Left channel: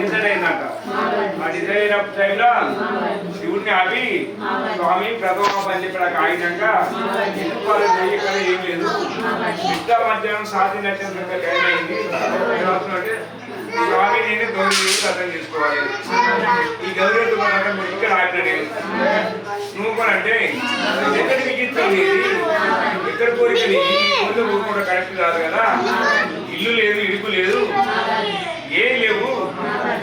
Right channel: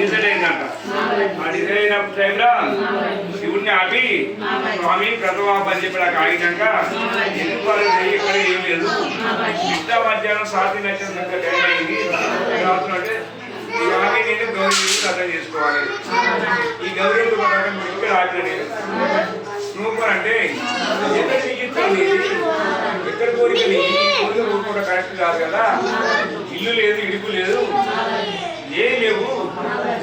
Decide అయిందట. ఆ decide అయినప్పుడు టైంలో శివుడిని ఆపి స్వామి ప్రథమ అని చెప్పి నాకు ఆగినాక ఎందుకు ఇక్కడ ఏం లేదు మిగతా మధ్యాహ్నం సాతి నచ్చంత టైం అయింది ఏమవుతుందంటే స్వామి నేను గౌరీ అర్థం చేసుకోవాలి. ఈ గౌరీ ఇక్కడ ఆపిన నువ్వు కూడా అంటే ఎక్కడ మిగిస్తాను ఎక్కడ కోరిక ఊరుకోవడం కరెక్ట్ కాదు కదా. ఇల్లు లేదు, ఇడుపు లేదు, ఏం లేవు.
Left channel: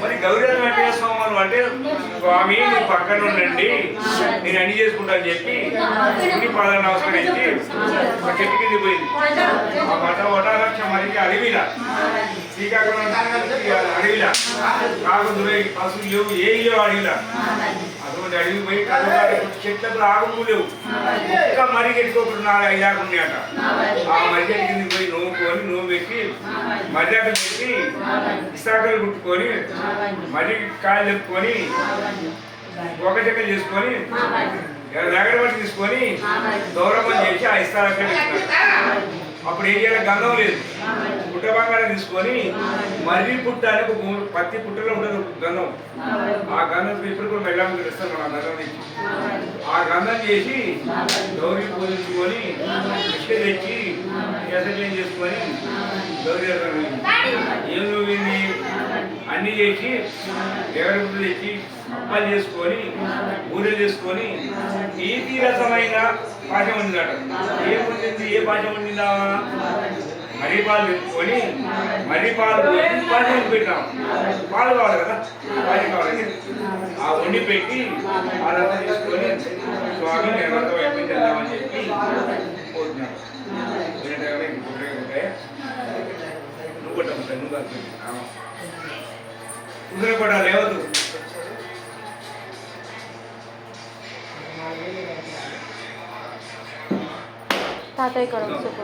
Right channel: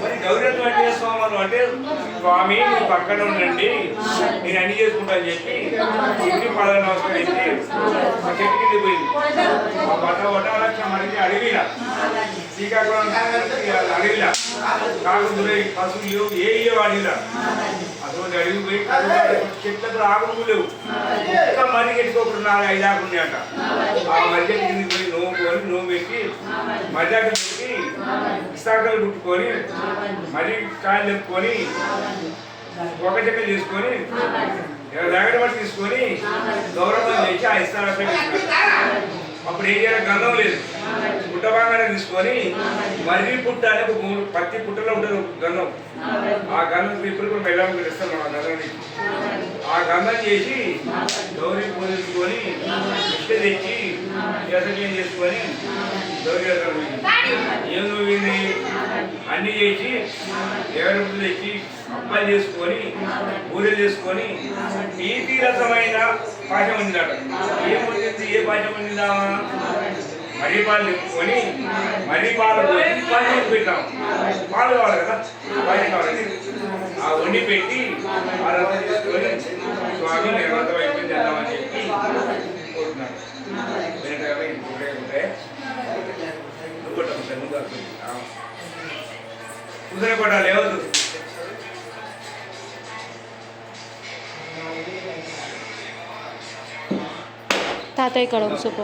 మరి గౌరీ వెంకటేశ్వర అంటే స్వామి మీరు పక్కన ఉండండి నేను అన్ని చేసుకుంటా అని చెప్పి ఇంటి పదవి నమస్కరించి ఒక చెట్టు కింద పోయింది. ఆ వటారక్ష మరికి అడవిలా శ్రీకాకుళం అడవిలా కాకుండా పశువులు లేవు, ఏ ఇయ్యో అడవిలా అటువంటి అడవి పోయి చెట్లకు ఆకులు లేవు. ఒక్క మరి కట్టుకోకుండా 5 ఆకులు ఉన్నాయట. ఆ మరిగట్టి కింద పోయి నోవు పెట్టి మర్యాద పెట్టి ఇసాకలు కుట్టుకొని మరి కాయలు ఎత్తుకొని ఒక చెక్క చేసుకొని దగ్గర పట్టి తీసుకొని గౌరవం చేసి ఆ ఇస్తారక్కడ అప్పుడు ఏం చేయాలి, గంధం లేదు, పుట్ట బంగారం తీసుకొని మర్రి పుట్ట అని పత్తి పుట్టలో ఉంటుంది గంధం. ఆ గంధం ఇప్పుడు కూడా వెళ్ళాలని ఇస్తాం మనం ఆ గంధం నుంచి. ఆ గంధం చేసి గౌరీ పూజించుకొని ఇష్ట తెచ్చి ఎసక్లేం చేసుకొని గౌరీ ఏం నువ్వుంది అన్ని చేసి ఎవరి పుట్టు తెచ్చి అప్పాలు చేసుకొని బూరెలు చేసుకొని ఈ తీరసమైన పాఠం ఉందట. ఏముంది, ఏ పాఠం ఉండిందామా మరీ పాలు నింపుకొని మరీ పాలు పాలు పెట్టాం. పాలు కావాలి కదా, పాలు కావాలండి. ఆ వండి పెట్టి ఆ రసం చేసుకొని స్వామి నేను రథం అయిపోయింది వెళ్దామని చెప్పి పోతున్నాడు. కుదరపడాలి ఏవద్దు. తాతయ్య ఇక్కడ చూపు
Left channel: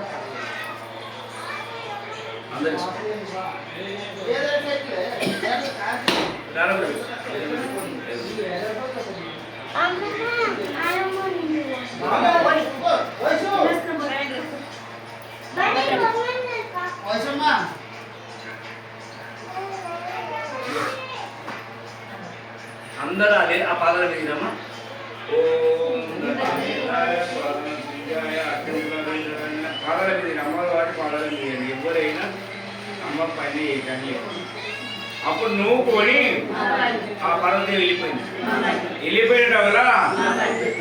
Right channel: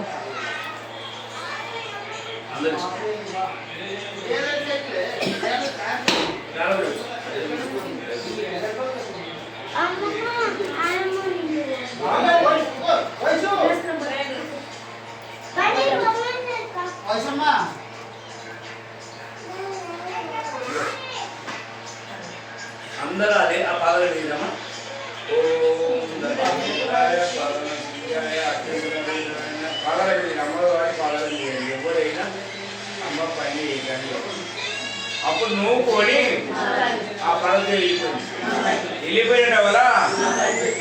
అందరూ అదే ఆ పాదల మీదమ్మా. పాదాల మీద అమ్మవారి పాదాల మీద ఎవరైనా అమ్మ పని కానీ అప్పుడు నువ్వు కొని ఆ పర్వతం వెళ్ళిపోయిన వల్ల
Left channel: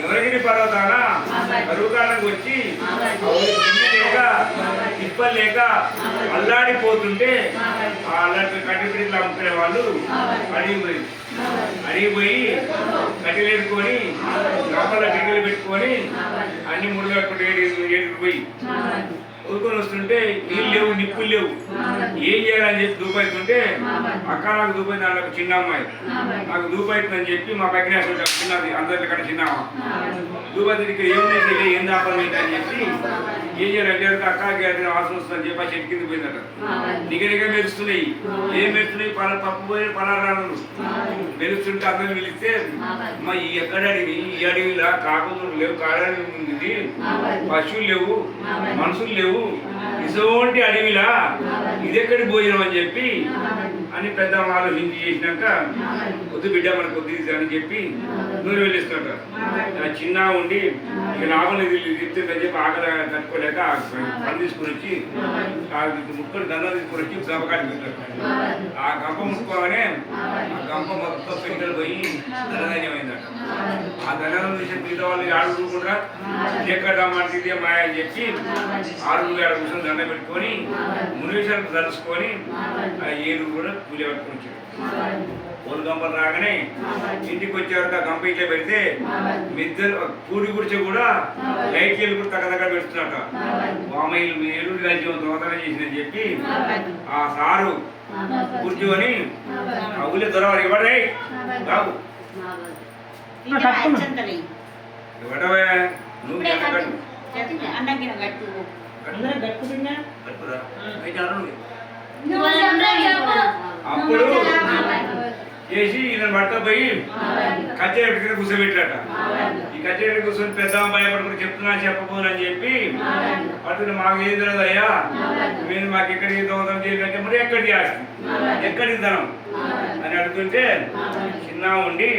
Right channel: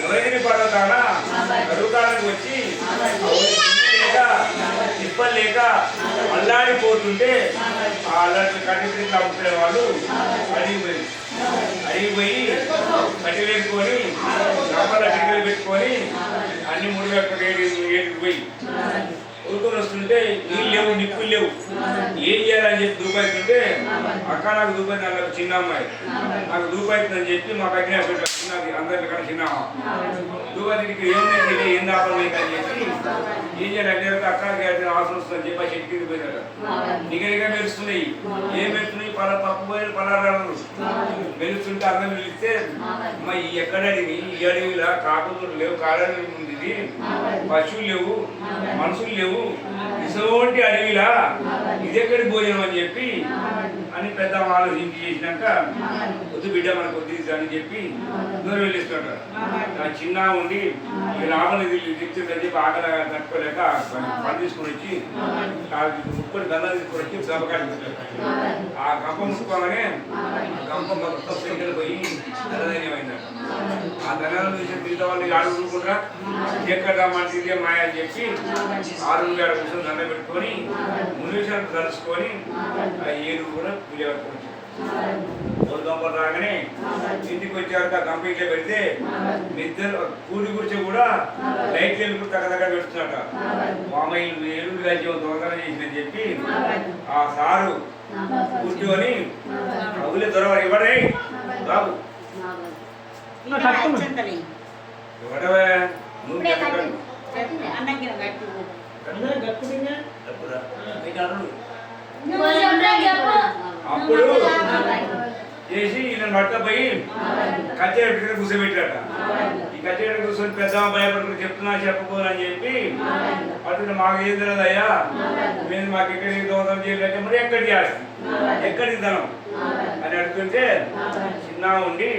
నవగిరి పర్వతాన పర్వతానికి వచ్చి లేక తిప్పలు లేక అల్లాడిపోతుంటే ఆ అల్లాడి కట్టిపిడికి అమ్ముకునే వాళ్ళు అడిగిపోయి కట్టెలేసుకొని గంపల టికెట్లు పెట్టుకొని అన్ని ముడిగట్టుకుంటే పోయి ఊరుకొని వస్తుంటే నీళ్ళు లేవు, నిప్పులు లేవు, ఏం చేయాలని చెప్పి దూపైతుంటే అక్క నాకు దూపైంది అన్న చిన్న అమ్మాయి నాకు దూపైతుందని చెప్పి మా పక్కన చిన్న అందరికన్నా చిన్న దూపైతే ఇక్కడ ఏమున్నాయి ఏం దాపలేదు అని చెప్పి ఏం చేయాలంటే అక్కకి అయితే అవసరం వస్తుందని చెప్పి ఆ చెట్టు కింద పోయిందట. నిగనిగా మెరుస్తున్నాయి. ఏం మెరుస్తున్నాయి? పప్పు పోయిన పలారాలు మెరుస్తుంటే అందరిని పిలిస్తే అమ్మా ఈ ఎక్కడ అడిగి ఈ అడవిలా కాకులు లేవు, కారణం ఉంది, పశువులు లేవు, మనుషులు లేవు, ఇటువంటి అడవిలా ఇదెక్కడి భోజనం అని చెప్పి అని పెద్ద ఆలోచించి చేసినాక వద్దు బిడ్డ మనకు వద్దు అని చెప్పి దూరం వెళ్ళిస్తున్నట్టు. చిన్న ఉండి లాభం చెప్తుందని చెప్పి ఆకలి తట్టుకోలేక పని తీసుకొని వచ్చి ముక్కలు దండం తీసుకొని వచ్చి గంపకాయ పెట్టారు. ఆ గంప ముట్టుకోగానే ఆ గంప మొత్తం పెంకలు పోయి ధనధైన్యమైందట. ఆ ధనం చూసి మిగతా వాళ్ళు ఆడుకుంటారా ఎక్కడ మంచిదే మాయ అని చెప్పి 6 నిమిషాలు దండ పెట్టుకొని 3 నిమిషాలు తలుసుకొని ఆ 7 కూడా పూజ పట్టుకొని వచ్చాడు. పొలు గంపలు రాగానే ఇంటికి వచ్చేవారు ఆ గంప ఇట్లా పెడితే మిద్దరు కూడి గుడిచి కూడా లైట్ వెలుగు తగ్గ పెడుతున్నట. మామయ్యలు ఎరువులు కలిసి దొంగతనం చేసిందని చెప్పి ఆ సారు కూర్చొని అవులే దొరవారు ఇవ్వడే బాబు ఇవ్వడవే నువ్వు అప్పుడు చేసి ఈయన మట్ట పోయి కచ్చేట కింద కూర్చోబెట్టాట. ఈ కచ్చేట కూర్చొని పెద్ద భయపడుకుని చెప్తున్నా చెప్పబోనని చెప్పి అతను మాకు ఏం తెలియదు అయ్యా, మేము మాకు ఎక్కడికి దొంగతనం చేయాలంటే మరి ఎక్కడికి ఆస్తి ఎక్కడికి ధనం అని అడుగుతుంటే చిన్న ఉండి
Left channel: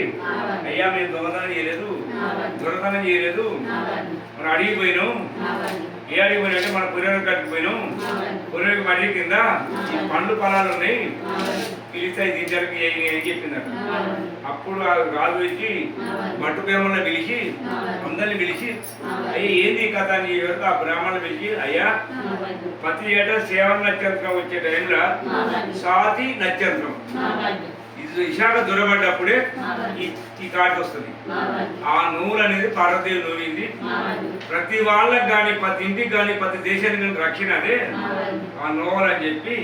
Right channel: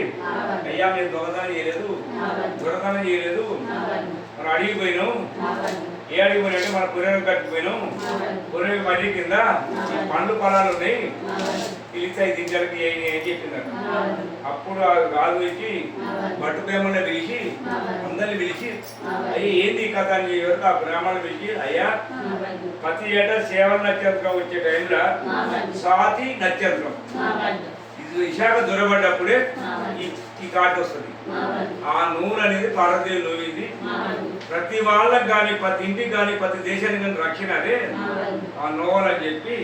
అయ్యా మేము దొంగతనం చేయలేదు దొంగతనం చేయలేదు మనం అడిగిపోయినాం ఏ అడిగిపోయినా మన పురేకి కట్టిపోయినాం పురేకి పడి కింద ఈ పండ్లు పొలాలు ఉన్నాయి పిలిస్తే దీనికి ఏం చెప్పిందట అప్పుడు ఆ రాజు వచ్చి బట్టుకేమన్నా పిలిచి అందరిని పిలిచి అయ్యా ఏంది కథ అని ఎవరికి ఆ బ్రాహ్మణులు పిలిచి అయ్యా ప్రతి ఏటా సేవల నక్షత్రం వచ్చే టైంలో సాతి నక్షత్రం ఇది విశాఖ దొరబడ్డప్పుడే ఈ కాటి వస్తుంది ఆ నువ్వులు అనేది పార్వతీయ నువ్వింది ప్రతి వాళ్ళకి కానీ ప్రతి ఇంటికి కానీ ప్రతి దేశానికి కానీ రక్షణ అదే ఆ నోవల్ అని చెప్పి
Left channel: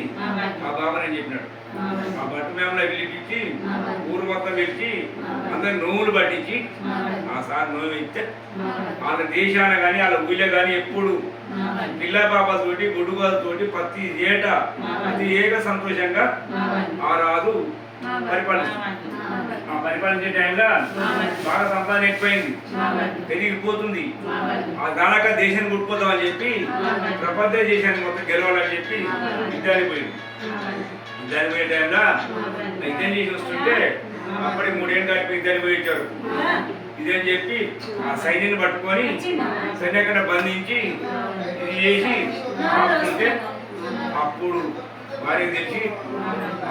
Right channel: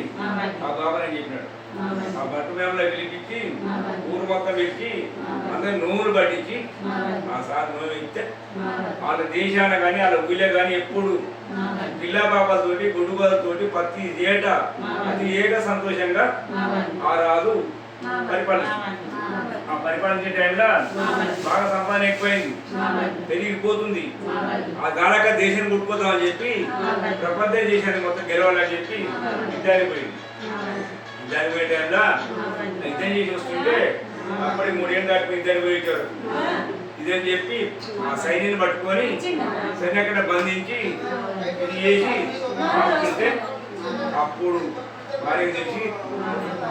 ఆ బాబాని అని చెప్పినాడు ఆ బట్టు మేము పిలిపించి ఊరు మొత్తం పిలిచి అందరు నువ్వులు పట్టించి ఆ సార్ నువ్వు ఇస్తే వాళ్ళ దేశాన కానీ వాళ్ళ ఊళ్ళో కానీ ఎప్పుడు పిల్ల పాపలతోటి గుడ్డుగోలతోటి ప్రతి ఏటా ప్రతి ఏక సంతోషంగా ఆ రాజు పరిపాలించే టైంలో బాగా సంపాదన ఎక్కువైంది పెరిగిపోతుంది ఆ గానక దేశాన్ని కొట్టుకోదామని చెప్పి ప్రపంచ దేశాన్ని మొత్తం గెలవాలని చెప్పి యుద్ధానికి పోయింది యుద్ధానికి పోయే టైంలో యుద్ధం చేసి వస్తుంటే అప్పటికి 3 ఏళ్ళు దాటిపోయి యుద్ధానికి పోయి ఇచ్చారు ఇదని చెప్పి ఆ సైన్యాన్ని పట్టుకొని సైన్యక్కడ బంధించి ఇది చేసి ఆపుతుంటే అప్పుడు వారికి తెలిసి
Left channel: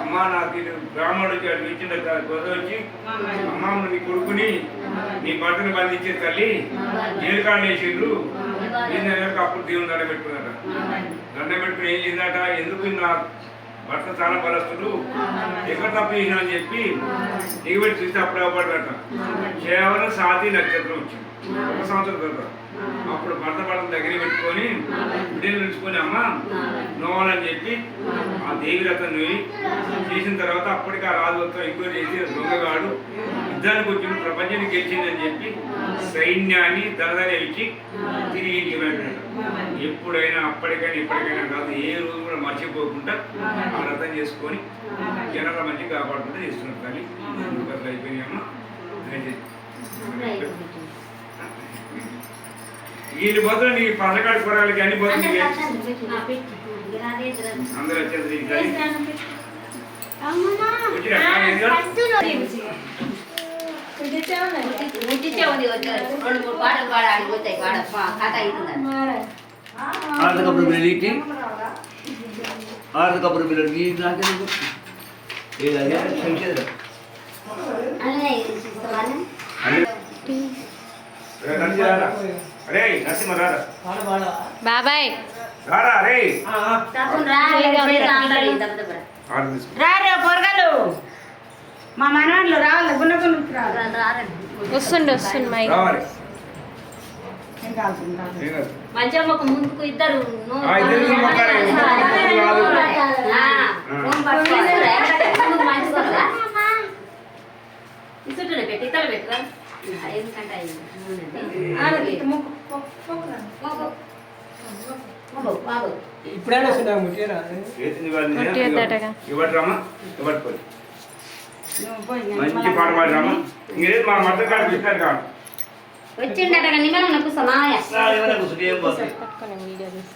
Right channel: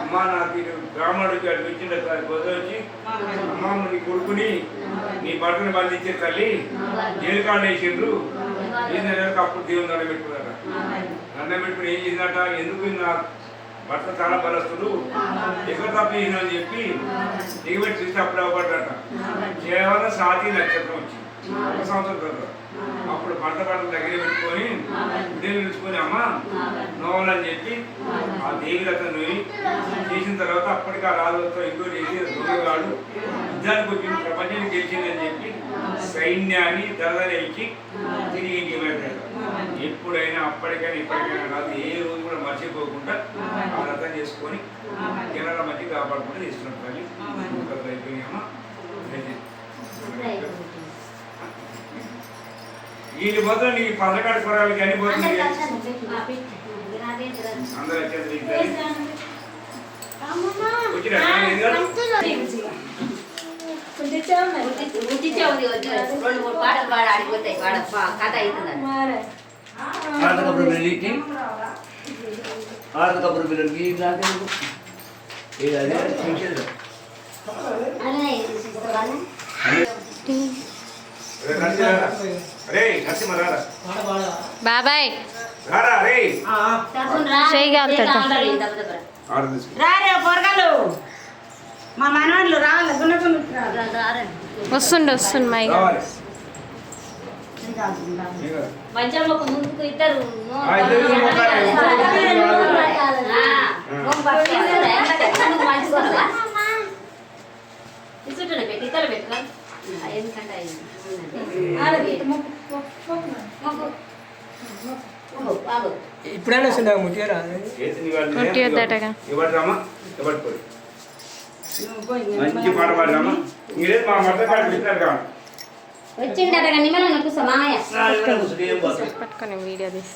అమ్మ నాకు బ్రాహ్మణుడికి అటు ఇచ్చిన వచ్చి అమ్మ నీ కొడుకుని నీ బట్టను బంధించిన తల్లి జైలు కాళ్ళు వేసిండ్రు ఏంటంటే అప్పుడు దేవుని దండ పెట్టుకున్నారట దండ పెట్టుకుని ఏం చేసినట ఎందుకు నా భర్త చాలా బలస్తుడు ఎక్కడ తప్పు చేసిన అని చెప్పి దిగబెట్టి చూస్తే అప్పుడు అవ్వబడ్డట కేవలం సాతి నక్షత్రం వచ్చింది 1 సంవత్సరం తర్వాత అప్పుడు భర్త దగ్గర పెట్టుకొని బిడ్డలు పిలుచుకొని అమ్మ నోవాలని చెప్పి ఆ దేవి రథను చేసిన తర్వాత అప్పటికి ఆ రాజులతో ఇంకో చేసి దొంగగాడు యుద్ధానికి వచ్చిన ప్రపంచానికి గెలిచిందని చెప్పి సైన్యాన్ని దరదర ఇచ్చి తిరిగి ఇంటికి బయటపడ్డాడు ఎప్పుడైనా అప్పటికైనా ఇప్పటికైనా కాదు ఏ రోజు కూడా మర్చిపోకుండా ఆ రథం చేసుకొని జనాల మధ్య కాపాడుకుంటూ చేస్తున్నాడు తల్లి అయిపోయినాయి అమ్మ వీళ్ళు బదులు నీ పథకాడు కూరగాయలకి అన్ని పోతుంది అందరూ ఆర్థకప్పుడు పిల్లలకి బాబాయ్ మా మనవాళ్ళు రావాలి వస్తుండు మై మంచమ్మకు ముందుకు ఇద్దరు ఇసుంటున్నా పెట్టి ఇతలు పెట్టరా ఎందుకంటే ఇప్పుడైనా మంచి పాట పాడరామా ఇంకేం మా మధ్య కాదు కాదు వచ్చిండట నిన్న సమాయ పట్టుకొని వీడియో తీసి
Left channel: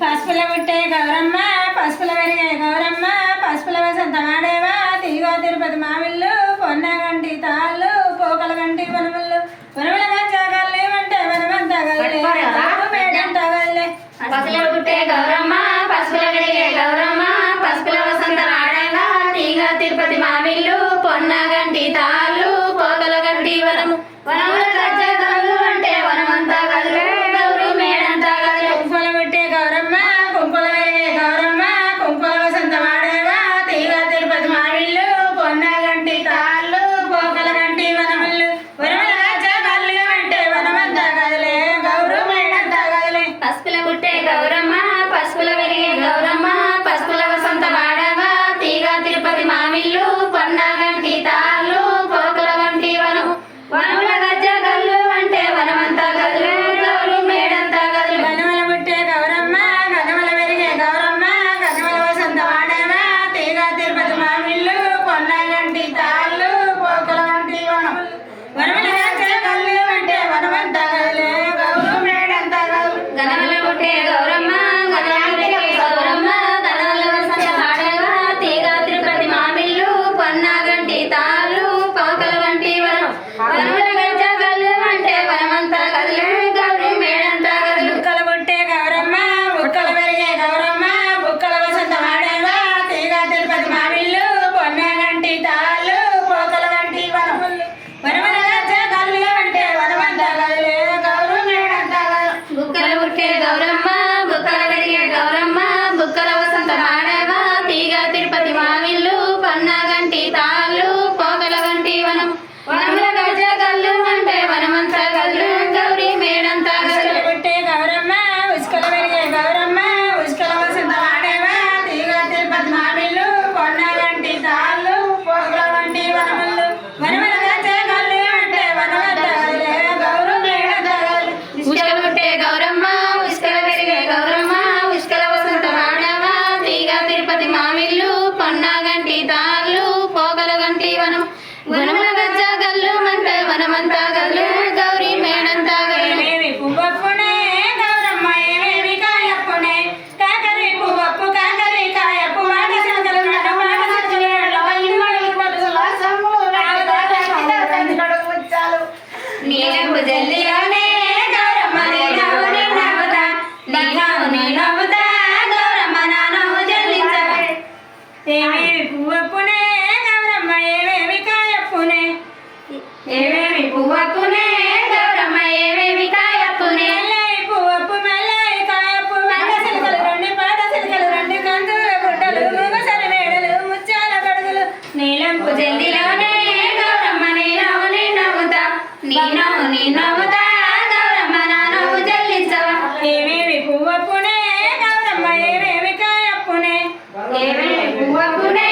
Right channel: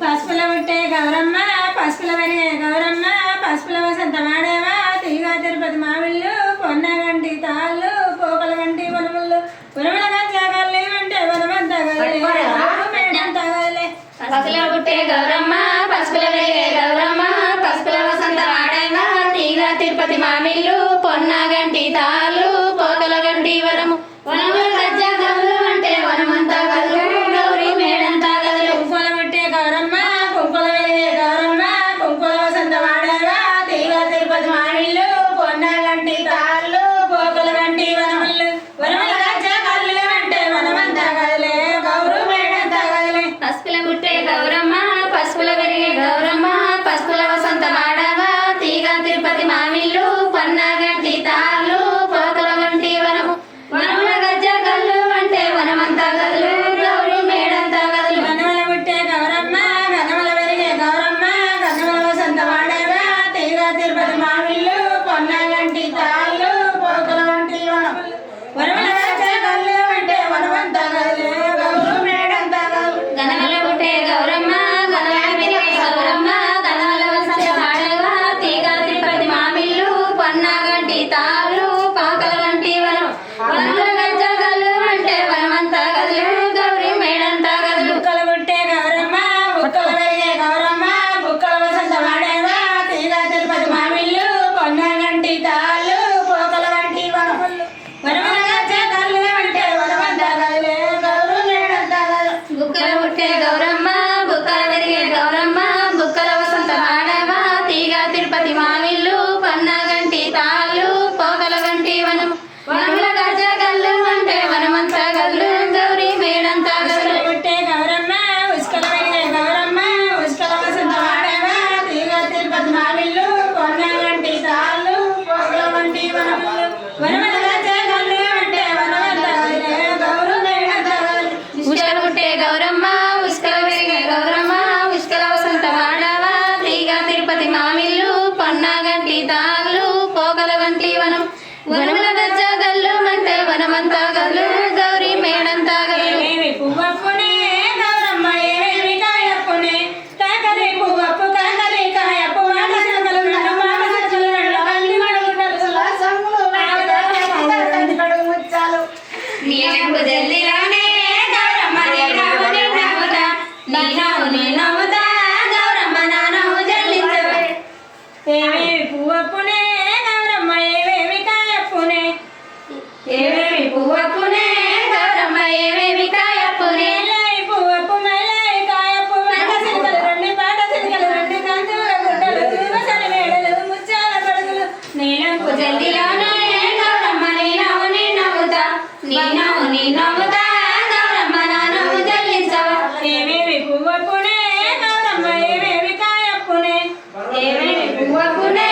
పసుపుల పుట్టే గౌరమ్మ పసుపుల పెరిగే గౌరమ్మ పసుపుల వసంత మాడేవా తిరిగా తిరుపతి మామిళ్ళు పొన్నగంటి తాళ్ళు పోకల గంటి వనములు వనముల గంజాగల్లే అంటే వనమంతా గల్లే పసుపుల పుట్టే గౌరమ్మ పసుపుల పెరిగే గౌరమ్మ పసుపుల వసంత మాడేవా తిరిగా తిరుపతి మామిళ్ళు పొన్నగంటి తాళ్ళు పోకల గంటి వనము వనముల గంజాగల్లు అంటే వనమంతా గల్లు గౌరీ మేడంతా గల్లు కుంకుల పుట్టే గౌరమ్మ కుంకుల పెరిగే గౌరమ్మ కుంకుల వసంత మాడేవా తిరిగా తిరుపతి మామిళ్ళు పొన్నగంటి తాళ్ళు పోకల గంటి వనములు వనముల గంజాగల్లే అంటే వనమంతా గల్లే గౌరీ మేడంతా గల్లే పసుపుల పుట్టే గౌరమ్మ పసుపుల పెరిగే గౌరమ్మ పసుపుల వసంత మాడవా తీగ తిరుపతి మామిళ్ళు పొన్నగంటి తాళ్ళు పోకల గంటి వనము వనముల గజ్జ వనమల గజ్జగల్లు అంటే వనవద్దగలే గౌరు మేడగలే ఉష్కల పుట్టే గౌరమ్మ ఉష్కల వెలిగే గౌరమ్మ ఉష్కల వసంత వాడవ తీగ తిరుపతి మామిళ్ళు పొన్నాగంటి తాళ్ళు పోగల గంటి వనం వనముల గజ్జ గల్లు మంటే వనమంతా గల్లు గౌరీ మేడంతా గల్లు ఏమి పువ్వప్పునే గౌరమ్మ ఏమేమి కాయప్పునే కాకరి పువ్వప్పు కాకరి కాయప్పు మాట సిలకలు రెండు మాట సిలకలు రెండు కళ్ళు మడుగుండలు ముచ్చాలు నీలంపు జల్దిలోనే గౌరమ్మ నేనవు నిన్నవుతా నీనవు నేనవుతా గౌరమ్మ నానవు జల్లించవే ఏమి పువ్వప్పునే గౌరమ్మ ఏమేమి కాయప్పునే ఏమేమి పువ్వప్పునే గౌరమ్మ ఏమేమి కాయప్పునే మెల్లై పువ్వప్పు మెల్లై కాయప్పు మాట సిలకలు రెండు పాట సిలకలు రెండు కందు గుడ్డలు ముగసరి మేడలు ముచ్చాల గడుగులు నీలంపు జల్దిలోనే గౌరమ్మ నేనవు నిన్నవుతా నీనవు నేనవుతా గౌరమ్మ నానవు జల్లించవా ఏమేమి పువ్వప్పునే గౌరమ్మ ఏమేమి కాయప్పునే ఏమేమి పువ్వప్పునే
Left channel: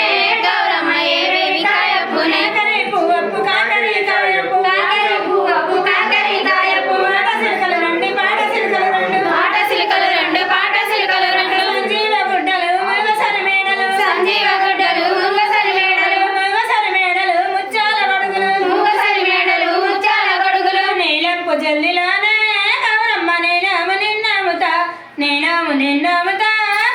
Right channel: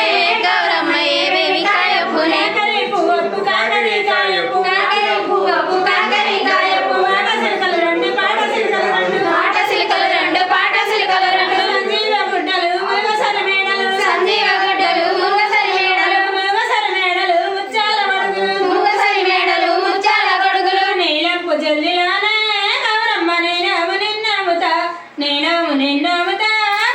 గౌరమ్మ ఏమేమి కాయప్పునే కాకరి పువ్వప్పు కాకరి కాయప్పు కాకరి పువ్వప్పు కాకరి కాయప్పు మాట సిలకలు రెండు పాట సిలకలు రెండు పాట సిలికలు రెండు పాట సిలికలు రెండు సంజీవ గుడ్డలు ముగసరి మేడలు సంజీవ గుడ్డలు ముంగసరి మేడలు ముగసరి మేడలు ముచ్చాల గడుగులు ముంగసరి మేడలు ముత్యాల గొడుగులు నీలంపు జల్లిలోనే గౌరమ్మ నేనము నిన్నముతా నేనము నిన్నముతా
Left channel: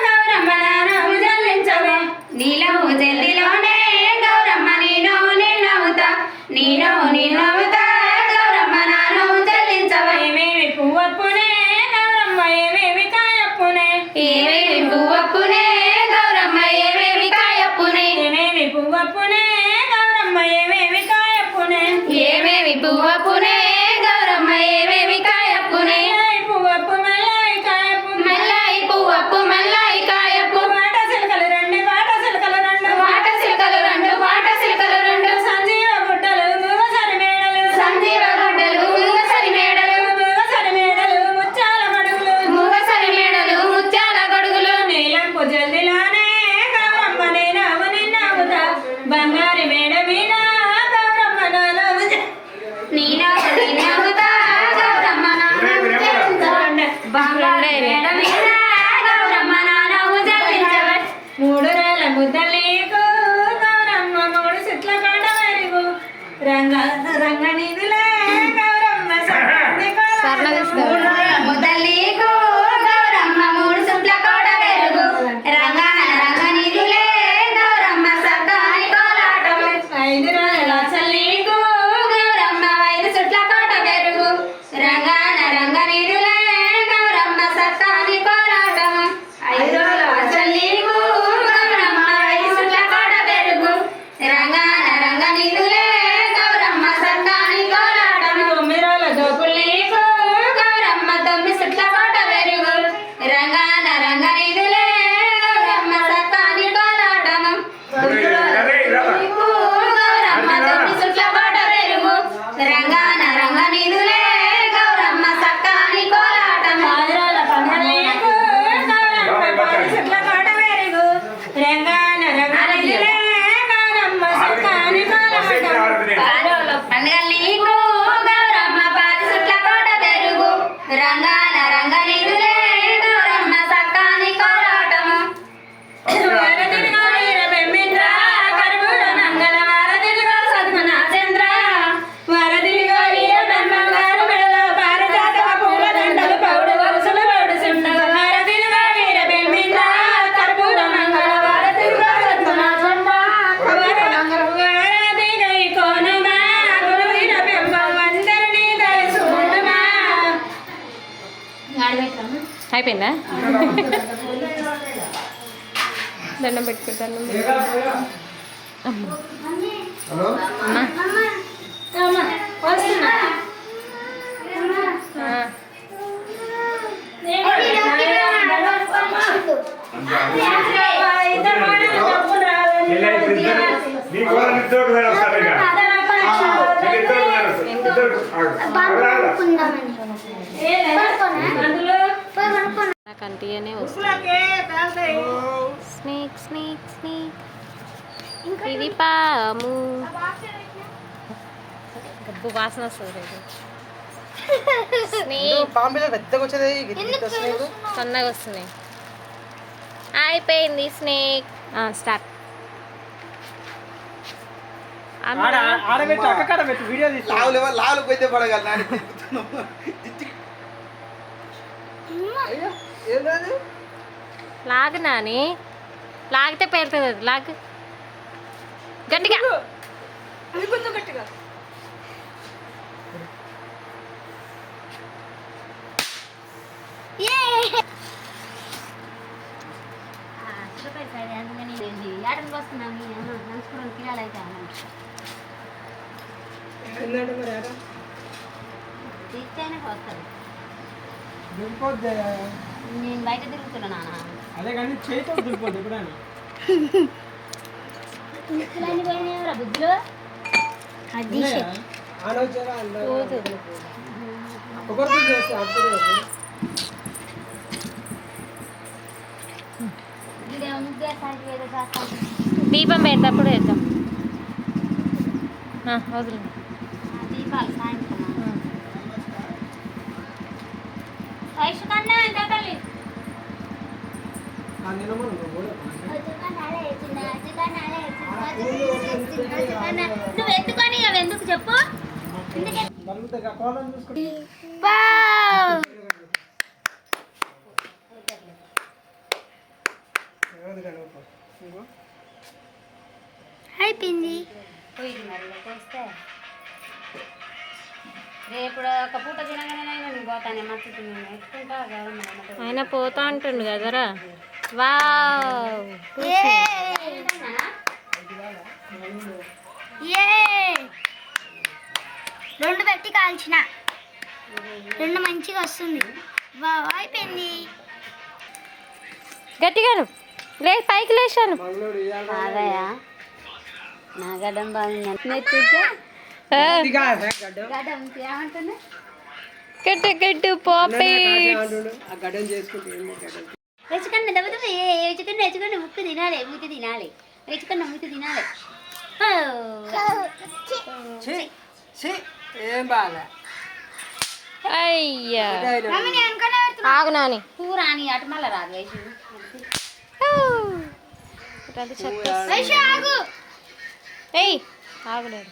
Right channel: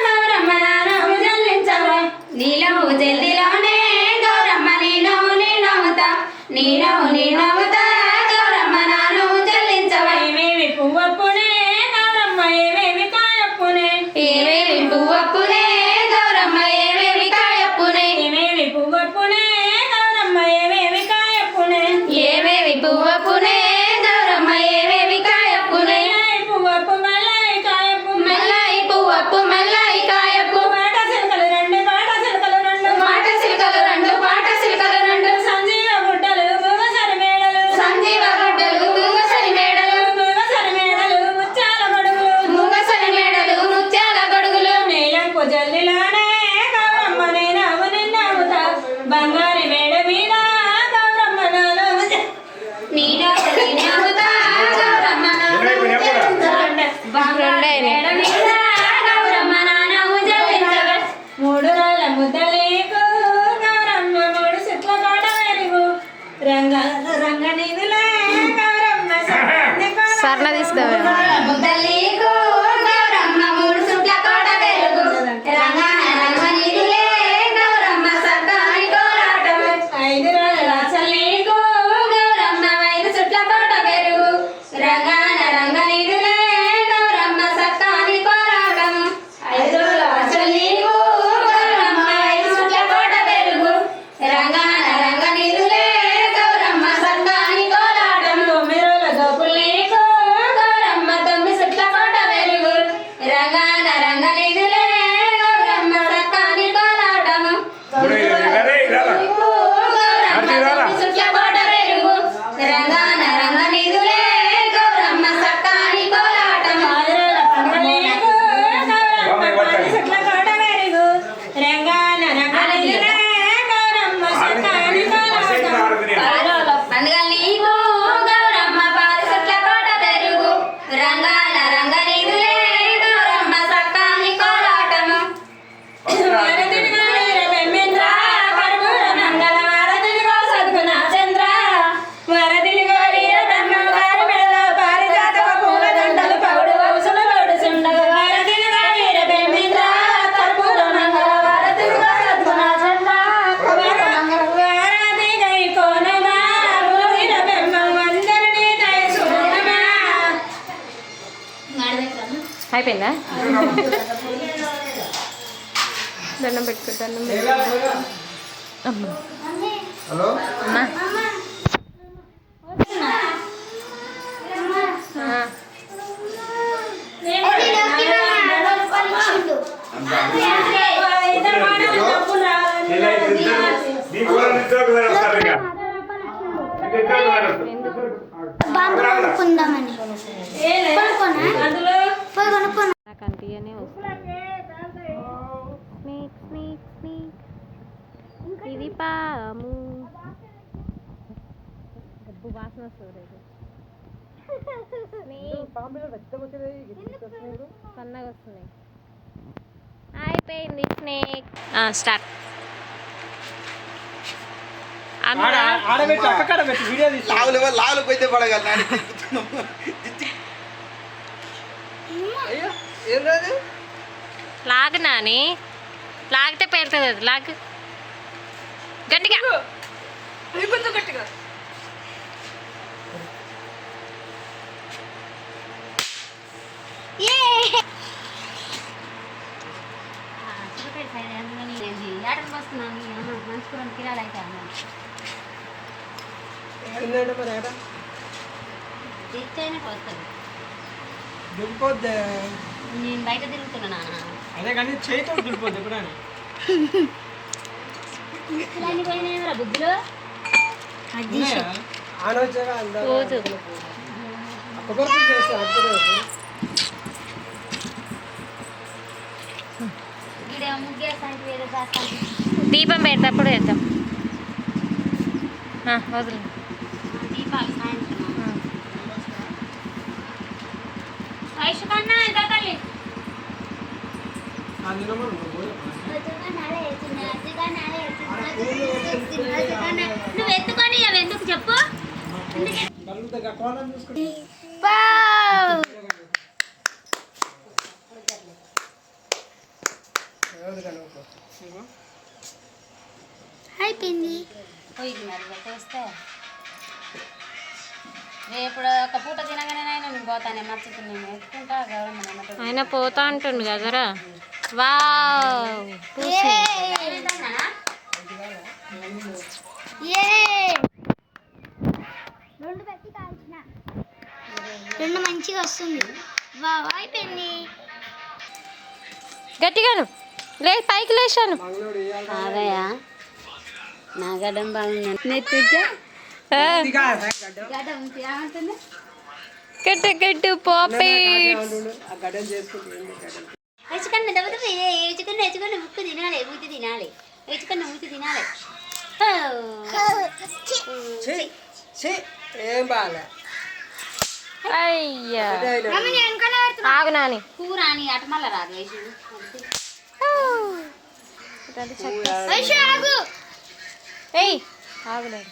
గౌరమ్మ నానము జల్లించవే నీలము జల్దిలోనే గౌరమ్మ నీనవు నేనవుతా నీనవు నేనవుతా గౌరమ్మ నానవు జల్లించవా ఏమేమి పువ్వప్పునే గౌరమ్మ ఏమేమి కాయప్పునే ఏమేమి పువ్వప్పునే గౌరమ్మ ఏమేమి కాయప్పునే ఏమేమి పువ్వప్పునే గౌరమ్మ ఏమేమి కాయప్పునే ఏమేమి పువ్వప్పునే గౌరమ్మ ఏమేమి కాయప్పునే మెల్లై పువ్వప్పు మెల్లై కాయప్పు మెల్లాయి పువ్వప్పు మెల్లాయి కాయప్పు మాట సిలకలు రెండు పాట సిలకలు రెండు మాట సిలకలు రెండు మాట సిలకలు రెండు సంజీవ గుడ్డలు ముగసరి మేడలు సంజీవ గుడ్డలు ముంగసరి మేడలు ముగసరి మేడలు ముచ్చాల గడుగులు ముంగసరి మేడలు ముత్యాల గొడుగులు నీలంపు జల్లిలోనే గౌరమ్మ నేనవు నిన్నవుతా బంగారి మేడ మీద గౌరమ్మ నానవు నీనవు నేనవుతా గౌరమ్మ నానవు జల్లించవే. బంగారు మేడ మీద గౌరమ్మ నానవు జల్లించవే. మూడు రాళ్ళ ముద్దలీకు గౌరమ్మ మూడు సుట్ల కొండ మెరుగు రంగ రంగ నిధులే గౌరమ్మ సర్వది సర్ణ తీసుకోవాలి ముద్దలీకు గౌరమ్మ మూడు సుట్ల కోడ పెరుగు రంగన రంగ నిధులే గౌరమ్మ సర్దాని కోలాటము ఐదు రాళ్ళ చల్లీకు గౌరమ్మ ఐదు సుట్ల కోట పెరుగు రంగన రంగ నిధులే గౌరమ్మ సర్దాని కోలాటము ఐదు చల్లీకు గౌరమ్మ ఐదు సుట్ల కోట పెరుగు రంగన రంగ నిధులే గౌరమ్మ సర్దాని కోలాటము తొమ్మిది రాళ్ళ దోపులీకు గౌరమ్మ తొమ్మిది సుట్ల కోట పెరుగు రంగన రంగ నిధులే గౌరమ్మ సర్దాని కోలాటము గౌరమ్మ తొమ్మిది సుట్ల కోట పెరుగు రంగన రంగ నిధులే గౌరమ్మ సర్దాని కోలాటము ఆదిరాల పంగలీకు గౌరమ్మ పది సుట్ల కోట మెరుగు రంగాన రంగ నిధులే గౌరమ్మ సర్కాని కోలాటం పండుగ నీకు గౌరమ్మ పాది సుట్ల కోట పెరుగు రంగాన రంగ నిధులే గౌరమ్మ సర్దాని కోలాటము వారధినిగా వీర బెమ్మింద్ర కర్పూర మంగళ వారధినిగా సద్గుణ చంద్ర వారధినిగా వీర బెమ్మింగారు మెడల పారిజాతక పూల దండలు పౌడు వరుసలు పౌడు సుండగ వారధినిగా వీర బెమ్మింద్ర కర్పూర మంగళ వారధినిగా సద్గుణ చంద్ర వారధిగా ఈ కోనమా గురు వీర బెమ్మం అందరినీ దయసుకునమా అయిపోయిందా దండం పెట్టుకో దండం పెట్టుకో అమ్మ అమ్మా ఆ. ఇలా ఇప్పుడు ఇద్దరు నీకు కూడా ఇద్దరు ఒకసారి వస్తారు ఇక నీకు ఇద్దరు ఒకసారి వస్తారు. ఇద్దరు రాదా? నాకు అంటీయనే వస్తుంది స్నేక్ స్నేక్ స్నేక్ ఇది పాము అబ్బు వాసన వస్తుంది స్నేక్ బాంబేలో పెద్దగా వచ్చేది స్నేక్ సన్నగా వస్తున్నాయి. అయిపోయింది స్నేక్. స్టార్ట్. అందరూ ఆడబెట్టి అక్కడ పెట్టి వీడియో తీసి లాలు పోయితే పడగల అయ్యో ఏం లేదు లాగు నాని, లాగితే పేరుతుంది. అది లాగు గట్టిగా. కొంచెం గట్టిగా తిన్నాడు మరి ఆడ దింపొద్దే నేను బయట తిరుగుతున్నా నాన్న. అదే కానీ చేయితో దింపొద్దు ఎప్పుడైనా బుద్ధులు ఆనొచ్చారా రోజు కొబ్బరి చేస్తే అప్పుడు దీపం పెడతప్పుడు వేద్దాం. వదిలే. దీపాలు సాయంత్రం వయసు కన్నా ఎంత తల్లి నువ్వు ఎత్తుకొని అవి ఎందుకు చెప్పు. కోణం చూసుకుంటే అయిపోయింది పోయింది మరి చేస్తే రేపు ఒక పూట తినగానే నేను పోతాను మర్చిపోయి నేను ఎత్తుకుంటా గవర్నమెంట్ ఆయన పోతా అంటుండు కదరా. వావ్ రెండు పెట్టి కాల్చిన రెండు మంచిగా వస్తుంది. వావ్ అయిపోయింది. గట్టిగాను లే, పైకి లేచాను. అదే నా గడ్డం బాగుంది. కట్టు కట్టు పాపి. గడ్డం చేసుకుంటే వేచుకండి వేచుకండి వేచుకండి ముక్కు తినాలి మూతి తినాలి వేచుకండి మూతి తినాలి. ఏం బాగా అయ్యా ఆగు నాని. కూర అని అటమల్ల రాదు వేసు ఏయ్ ఆగులేడు.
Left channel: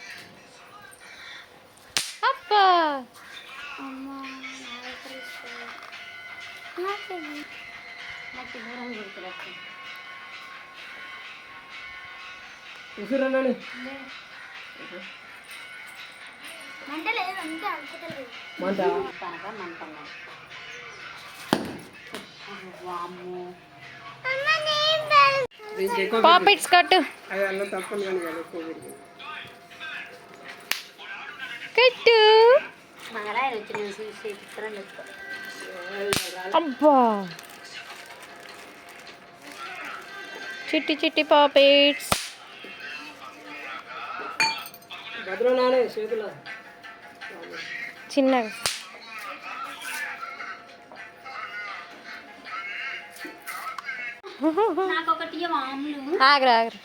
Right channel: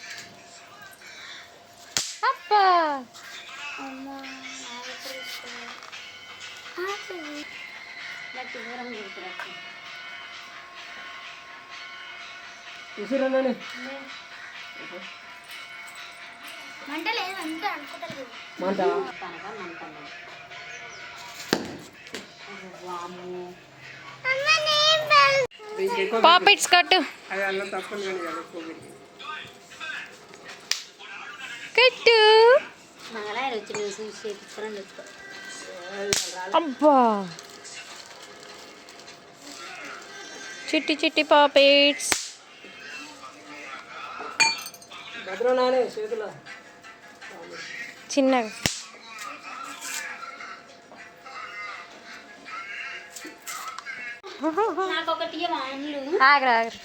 అబ్బా విసురన్నాను మంట లేదు అంతా అనుకోలేదు మంట కనుక మంట వాము ఇంకెక్కువ పాపిట్స్ కట్టు అది అన్నం తప్పని కానీ కదా ఎక్కువ పెరిగింది. కట్టు. మంగళాయన వచ్చి నేను చూసి చిత్రం ఎక్కువ అబ్బా చిట్టి చిట్టి పాపిట్స్. భద్రనానే చేతుల చిన్నగా నాకు ఒకటి వాములు ఆగరా ఆగరా.